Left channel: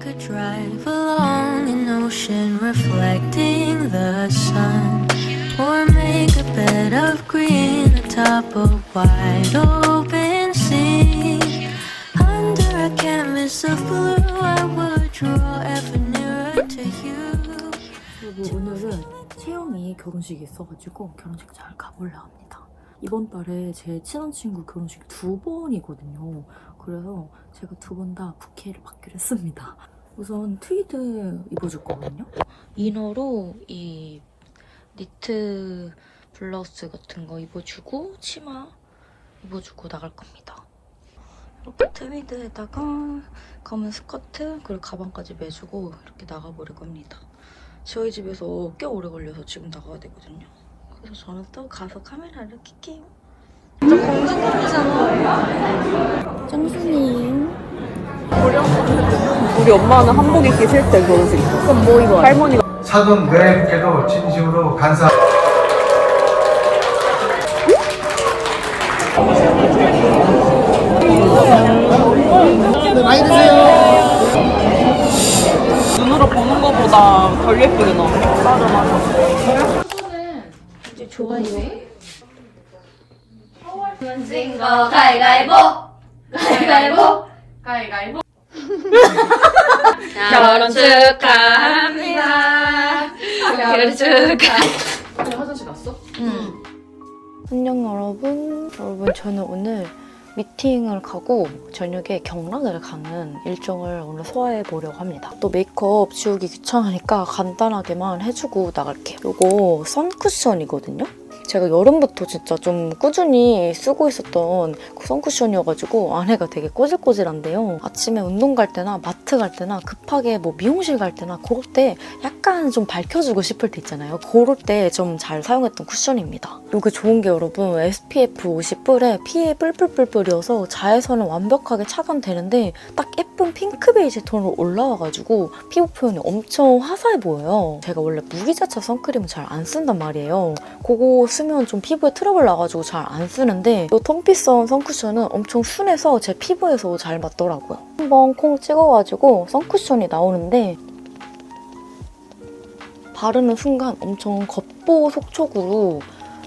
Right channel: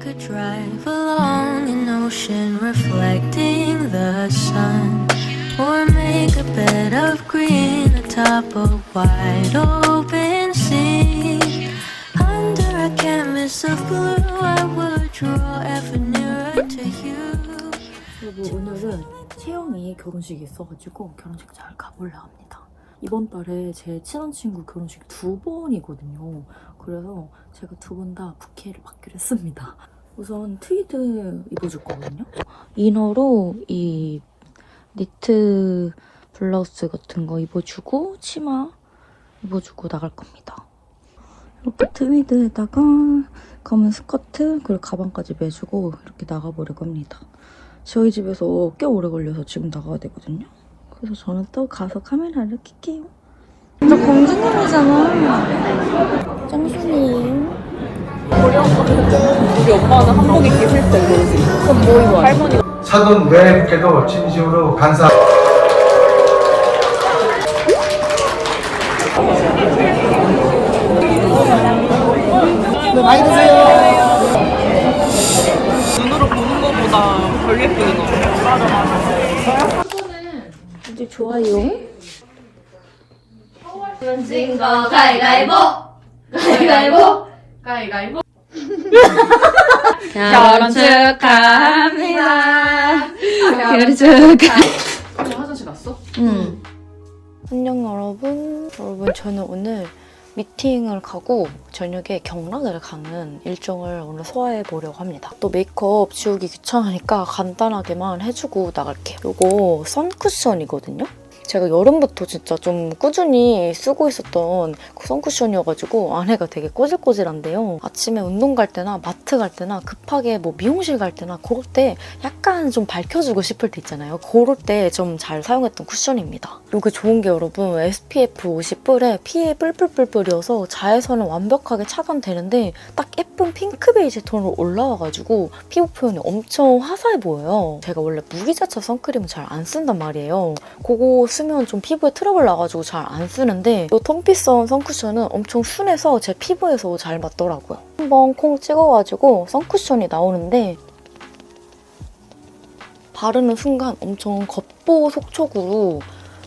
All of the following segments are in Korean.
could drive along an ocean reflecting the sun. Or make a bed of green atop a wide open sea. Under a canvas of blue, I would draw ever nearer to you. 그리고 오늘은 채영이 결혼식이 있어가지고 결혼식 잘 가보려 합니다. 이번 달에 제 친한 친구 결혼식 두 번이거든요. 그래서 제가 두 번 다 부케를 받기로 했습니다. 우선 트위드 입어줄 거거든요. 이너로 이 니트 블라우스 같은 거 입어주고 치마 입어주고 나갈 겁니다. 이렇게 트위드에다가 검은 스커트 그리고 가방까지 매주고 이렇게 나가보려고 합니다. 저희 집에서 꽤 오래 걸려서 지금 나가야 되거든요. 그래서 저는 또 가서 카메라를 킬게요. 나 검색이잖아. 짱순이. 우리 엄마는 한복이 계실 때 결혼식. 그럼 뭐 입어야 돼? 할머니 사돈 여행께도 진심으로 감사. 덜 예쁘게 나. 좋아요. 진거 가위가위보 가위가위보 가위가위보 결혼 축하합니다. 결혼 축하. 화장실 갔어? 응. 안녕 여러분. 여러분 저는 오늘 미팅을 가고 저녁에 경락을 가는 일정을 오늘 소화해 보려고 합니다. 또 메이크업 지우기 귀찮으니까 간단하게만 해주고 나갈게요. 이거 선쿠션이거든요. 제가 여름부터 진짜 좀 꾸준히 쓰고 있었던 그 선쿠션이어가지고 안에가 되게 꼬질꼬질한데요. 아침에 운동 갈 때나 마트 갈 때나 급하게 뭐 미용실 갈 때나 그럴 때 약간 좀 밝혀주고 싶을 때 있잖아요. 그럴 때 좀 잘 사용했던 쿠션입니다. 이게 좋은 게 여러분 SPF 50뿔에 피해 뿔뿔뿔뿔이어서 자외선은 완벽하게 차단되는데 딱 예쁜 핑크 베이지 톤으로 올라와가지고 피부 표현이 엄청 화사해 보여요. 제가 원래 무기자차 선크림을 잘안 쓴단 말이에요. 그거 쓰면 좀 피부에 트러블 나가지고 잘 안 쓰는데 이 톤피선 선쿠션은 엄청 순해서 제 피부에서 잘 맞더라고요. 한번 콩 찍어가지고 선쿠션이 나오는데 바르는 순간 엄청 겉보 속촉으로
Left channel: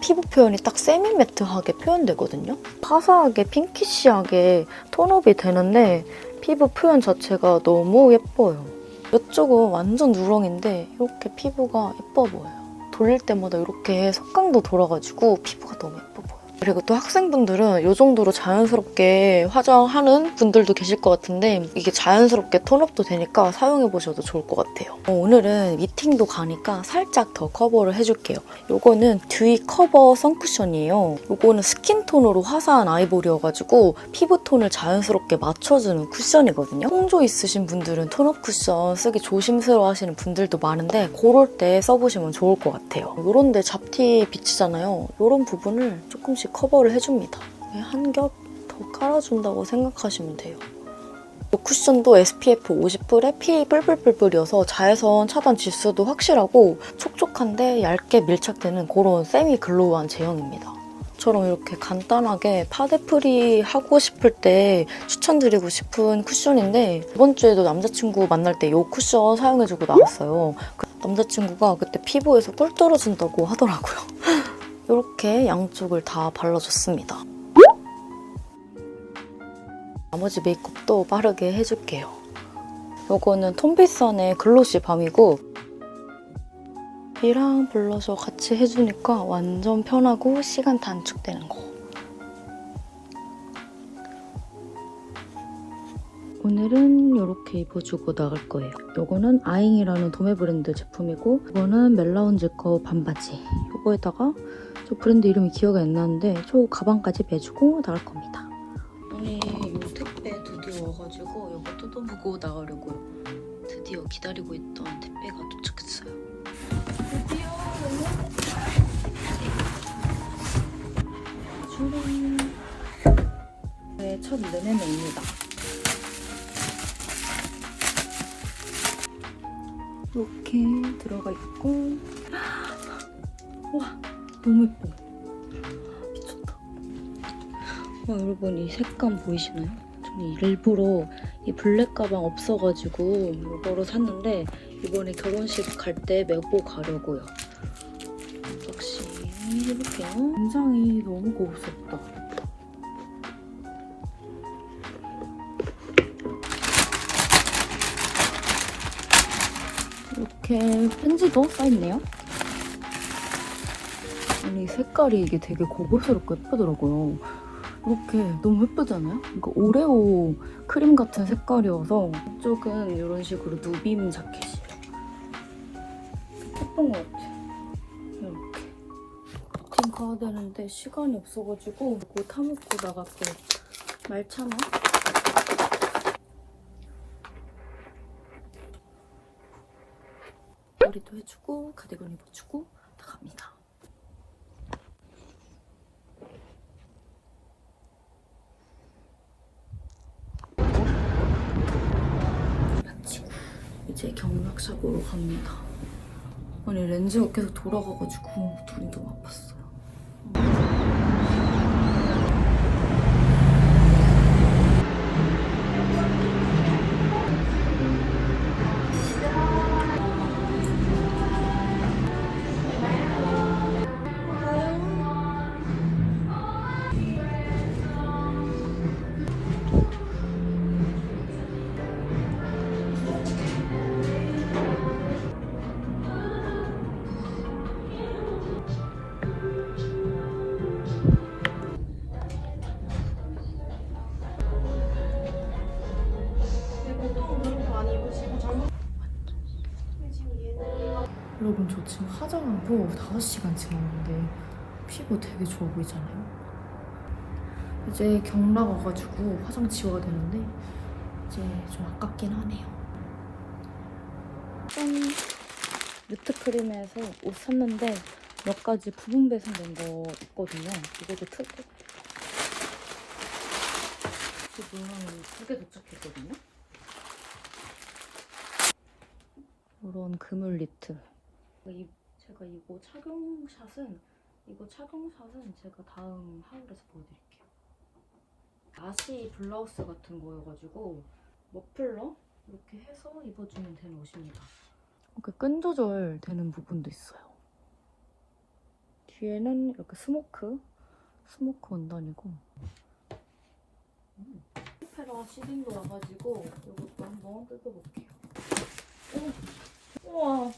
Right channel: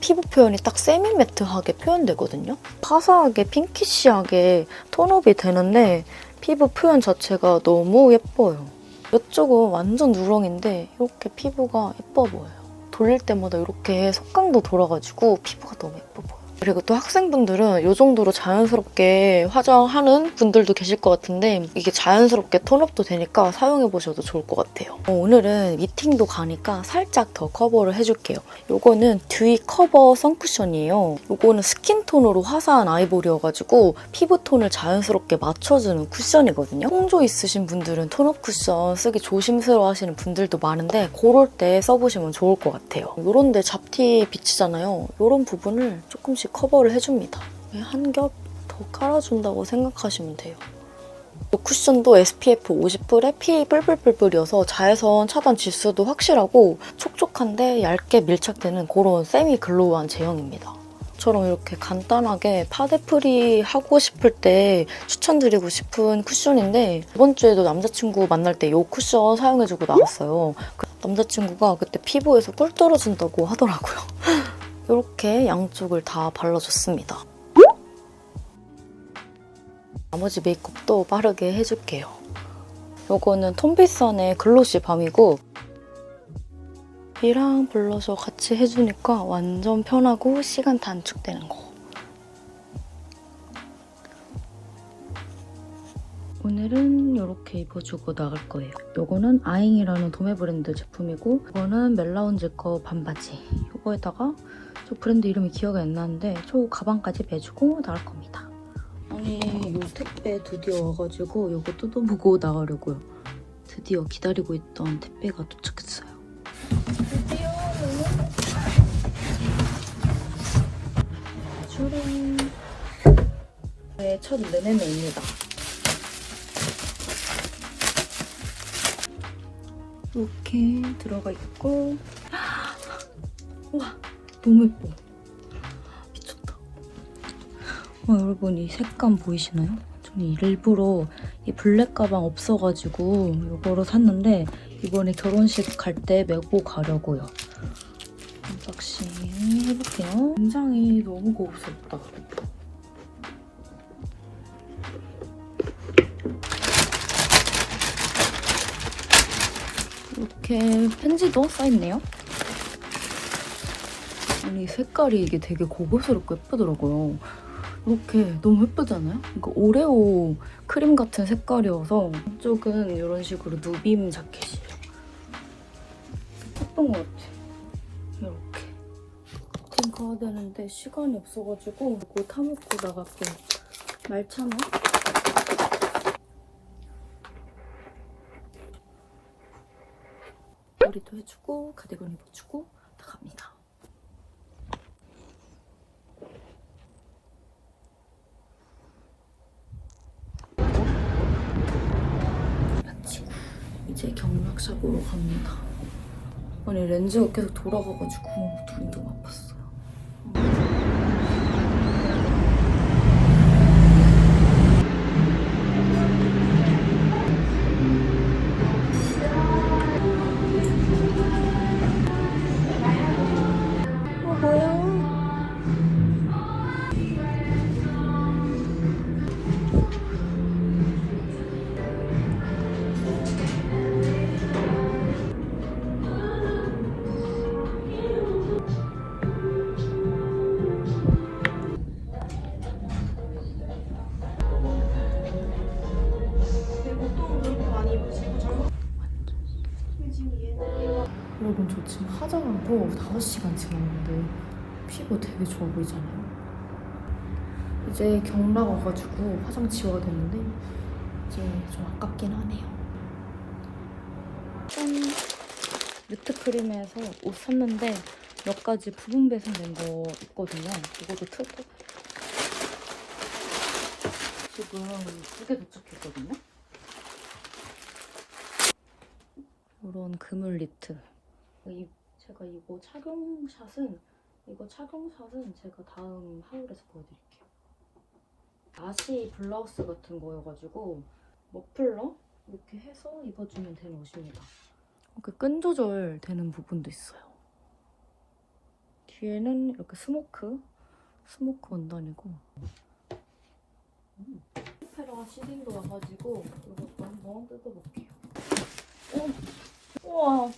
피부 표현이 딱 세미매트하게 표현되거든요. 화사하게 핑키시하게 톤업이 되는데 피부 표현 자체가 너무 예뻐요. 이쪽은 완전 누렁인데 이렇게 피부가 예뻐 보여요. 돌릴 때마다 이렇게 속광도 돌아가지고 피부가 너무 예뻐 보여요. 그리고 또 학생분들은 이 정도로 자연스럽게 화장하는 분들도 계실 것 같은데 이게 자연스럽게 톤업도 되니까 사용해보셔도 좋을 것 같아요. 어, 오늘은 미팅도 가니까 살짝 더 커버를 해줄게요. 요거는 듀이 커버 선쿠션이에요. 요거는 스킨톤으로 화사한 아이보리여가지고 피부톤을 자연스럽게 맞춰주는 쿠션이거든요. 홍조 있으신 분들은 톤업 쿠션 쓰기 조심스러워 하시는 분들도 많은데 그럴 때 써보시면 좋을 것 같아요. 요런 데 잡티 비치잖아요. 요런 부분을 조금씩 커버를 해줍니다. 한 겹 더 깔아준다고 생각하시면 돼요. 이 쿠션도 SPF 50뿔에 PA 뿔뿔뿔뿔이어서 자외선 차단 지수도 확실하고 촉촉한데 얇게 밀착되는 그런 세미 글로우한 제형입니다. 처럼 이렇게 간단하게 파데프리 하고 싶을 때 추천드리고 싶은 쿠션인데 이번 주에도 남자친구 만날 때 이 쿠션 사용해주고 나왔어요. 그 남자친구가 그때 피부에서 꿀 떨어진다고 하더라고요. 이렇게 양쪽을 다 발라줬습니다. 나머지 메이크업도 빠르게 해줄게요. 요거는 톰비선의 글로시 밤이고 이랑 블러셔 같이 해주니까 완전 편하고 시간 단축되는 거. 오늘은 이렇게 입어주고 나갈 거예요. 요거는 아잉이라는 도매 브랜드 제품이고 이거는 멜라운즈 거 반바지. 요거에다가 저 브랜드 이름이 기억이 안 나는데 저 가방까지 매주고 나갈 겁니다. 아니 요 택배 드디어 와가지고 요거 뜯어보고 나가려고요. 드디어 기다리고 있던 택배가 도착했어요. 출근. 네, 첫 내내입니다. 이렇게 들어가 있고 와 너무 예뻐 미쳤다 와, 여러분 이 색감 보이시나요? 저는 일부러 이 블랙 가방을 없어가지고 이거로 샀는데 이번에 결혼식 갈 때 메고 가려고요. 언박싱 해볼게요. 굉장히 너무 고급스럽다. 이렇게 편지도 써있네요. 이 색깔이 이게 되게 고급스럽고 예쁘더라고요. 이렇게 너무 예쁘지 않아요? 이거 오레오 크림 같은 색깔이어서 이쪽은 이런 식으로 누빔 자켓이에요. 예쁜 것 같아. 이렇게. 지금 가야 되는데 시간이 없어가지고 이거 타 먹고 나갈게요. 말차나? 머리도 해주고 가디건 입어주고 나갑니다. 마치고 이제 경락샷으로 갑니다. 아니 렌즈가 계속 돌아가가지고 눈이 너무 아팠어 지금 화장하고 5시간 지났는데 피부 되게 좋아 보이잖아요. 이제 경락 와가지고 화장 지워야 되는데 이제 좀 아깝긴 하네요. 아트크림에서 옷 샀는데 몇 가지 부분 배송된 거 있거든요. 이것도 틀고 지금 두 개 도착했거든요. 이런 그물 니트. 이, 제가 이거 착용샷은 이거 착용샷은 제가 다음 하울에서 보여드릴게요. 나시 블라우스 같은 거여가지고 머플러 이렇게 해서 입어주면 되는 옷입니다. 이렇게 끈 조절 되는 부분도 있어요. 뒤에는 이렇게 스모크 스모크 원단이고 음. 페라 시딩도 와가지고 이것도 한번 뜯어볼게요. 오, 우와.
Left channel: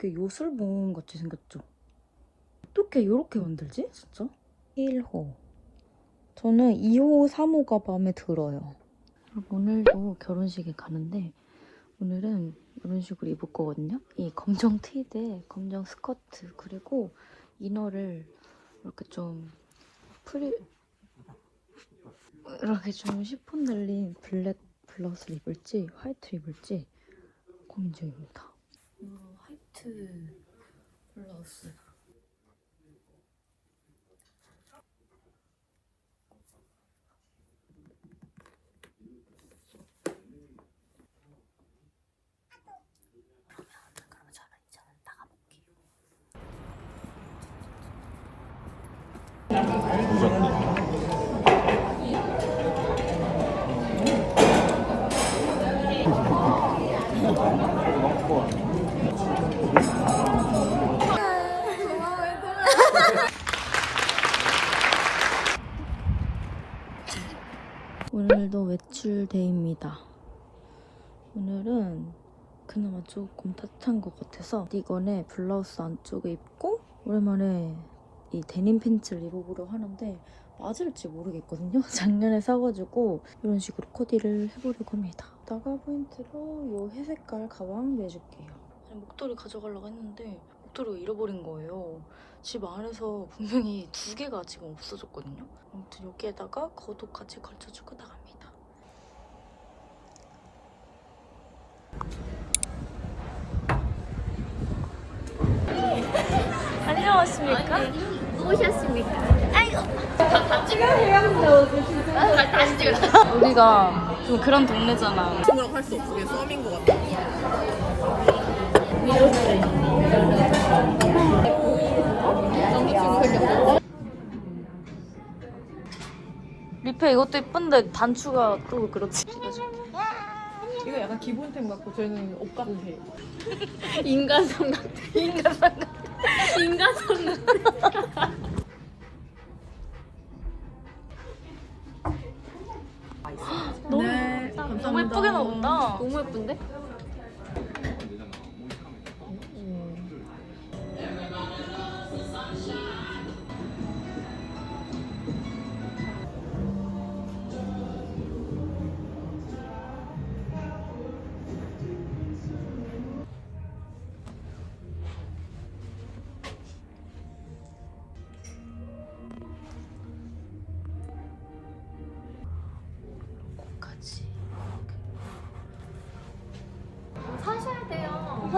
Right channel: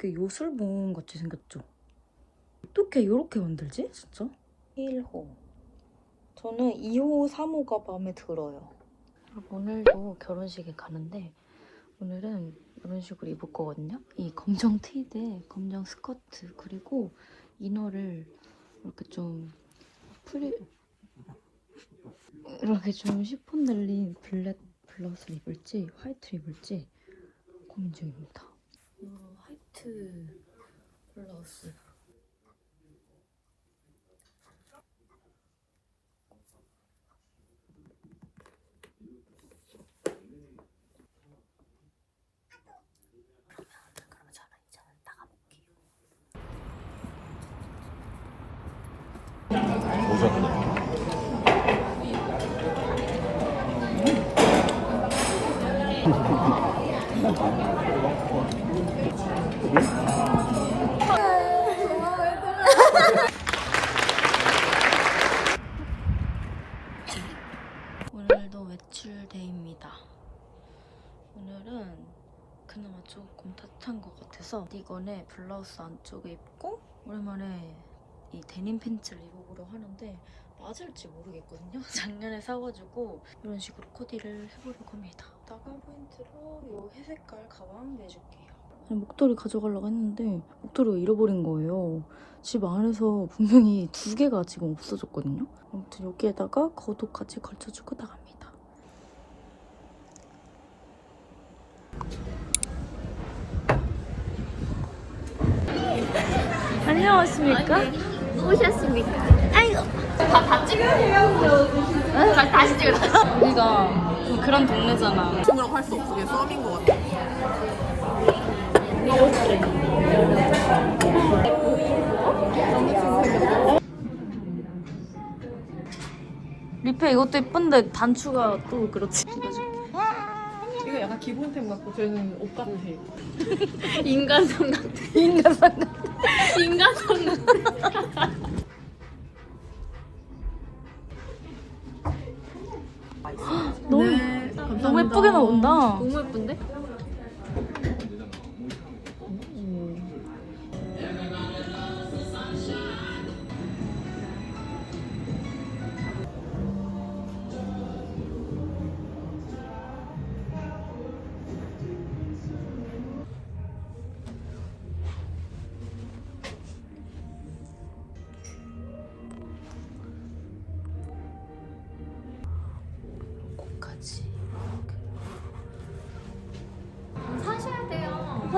되게 요술봉 같이 생겼죠? 어떻게 이렇게 만들지? 진짜? 1호. 저는 2호, 3호가 마음에 들어요. 오늘도 결혼식이 가는데 오늘은 이런 식으로 입을 거거든요. 이 검정 티에 검정 스커트 그리고 이너를 이렇게 좀 프리 이렇게 좀 시폰 달린 블랙 블라우스를 입을지 화이트를 입을지 고민 중입니다. 이제는 나가볼게요. 오늘도 외출데이입니다. 오늘은 그나마 조금 따뜻한 것 같아서 이건에 블라우스 안쪽에 입고 오랜만에 이 데님 팬츠를 입어보려 하는데 맞을지 모르겠거든요. 작년에 사가지고 이런 식으로 코디를 해보려고 합니다. 나갈 포인트로 이 회색깔 가방 내줄게요. 목도리 가져가려고 했는데 목도리가 잃어버린 거예요. 집 안에서 분명히 두 개가 지금 없어졌거든요. 아무튼 여기에다가 겉옷까지 걸쳐주고 나갑니다. 안녕하십니까? 오셨습니까? 우리가 그런 동네잖아. 친구라고 할수 없어. 그게 썸인 것 같아. 뷔페 이것도 예쁜데 단추가 또 그렇지. 이거 약간 기본템 같고 저는 옷 같아. 인간 생각. 인간 산 인간 생각. 너무 너무 예쁘게 나온다. 너무 예쁜데?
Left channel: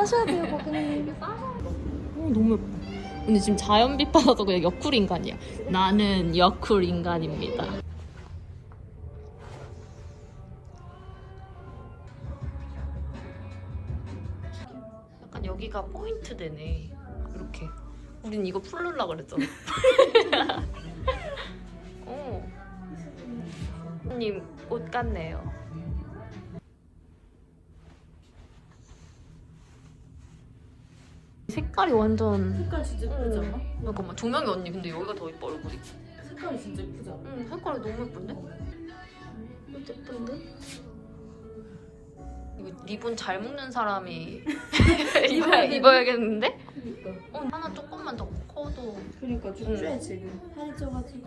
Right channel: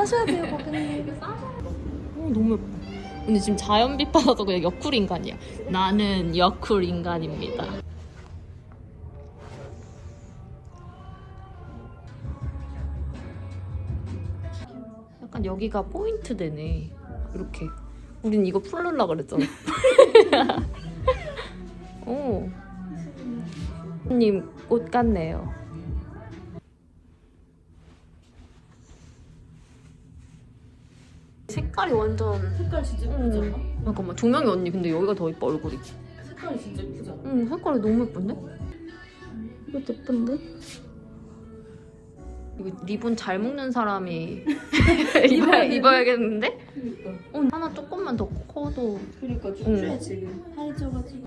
하셔야 돼요, 고객님. 어, 너무 예뻐. 근데 지금 자연빛 받아서 그냥 여쿨 인간이야. 나는 여쿨 인간입니다. 약간 여기가 포인트 되네. 이렇게. 우린 이거 풀르라 그랬잖아. 오. 님, 꽃 같네요. 색깔이 완전 색깔 진짜 예쁘지 않아? 잠깐만 조명이 언니 근데 여기가 더 이뻐 얼굴이 색깔이 진짜 예쁘지 않아? 응 색깔이 너무 예쁜데? 이거 예쁜데? 이거 리본 잘 묶는 사람이 입어야, 입어야겠는데? 그니까. 어, 하나 조금만 더 커도 그니까 쭈쭈해, 지금. 살이 쪄가지고.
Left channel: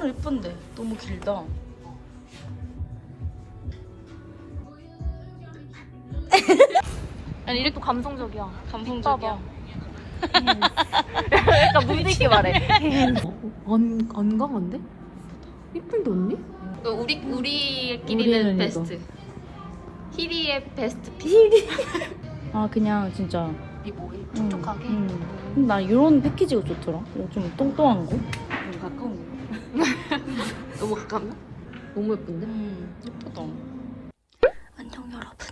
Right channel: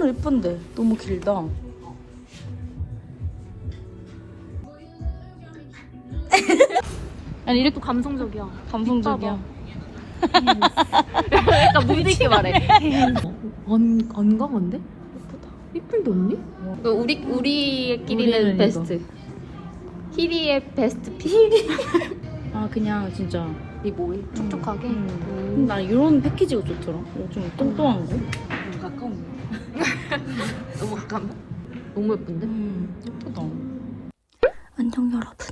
색깔은 예쁜데 너무 길다. 아니 이렇게 감성적이야. 감성적이야. 약간 무드 있게 말해. 건, 건강한데? 예쁘다. 예쁜데 언니? 우리, 우리끼리는 베스트. 히리의 베스트. 피 아 그냥 진짜 이 뭐해? 촉촉하게? 음. 나 이런 패키지가 좋더라. 이거 좀 뚱뚱한 거. 좀 가까운 거. 너무 가깝나? 너무 예쁜데? 음, 예쁘다. 안녕 여러분.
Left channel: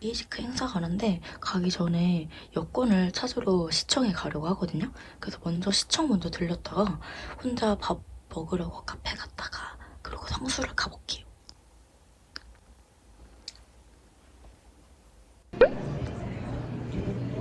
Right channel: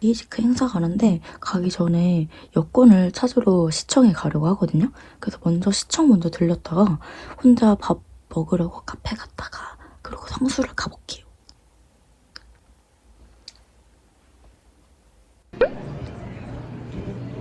리지크 행사 가는데 가기 전에 여권을 찾으러 시청에 가려고 하거든요. 그래서 먼저 시청 먼저 들렸다가 혼자 밥 먹으려고 카페 갔다가 그리고 성수를 가볼게요.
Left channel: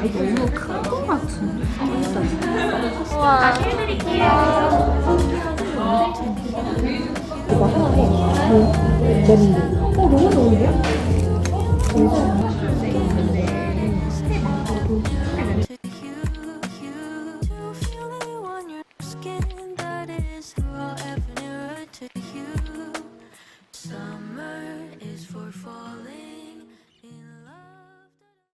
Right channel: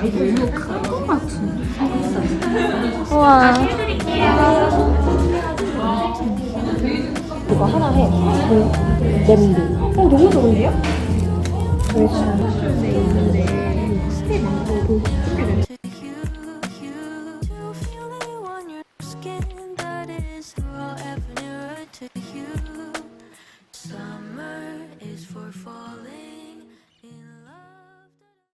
너무 큰거 같은데. 우와. To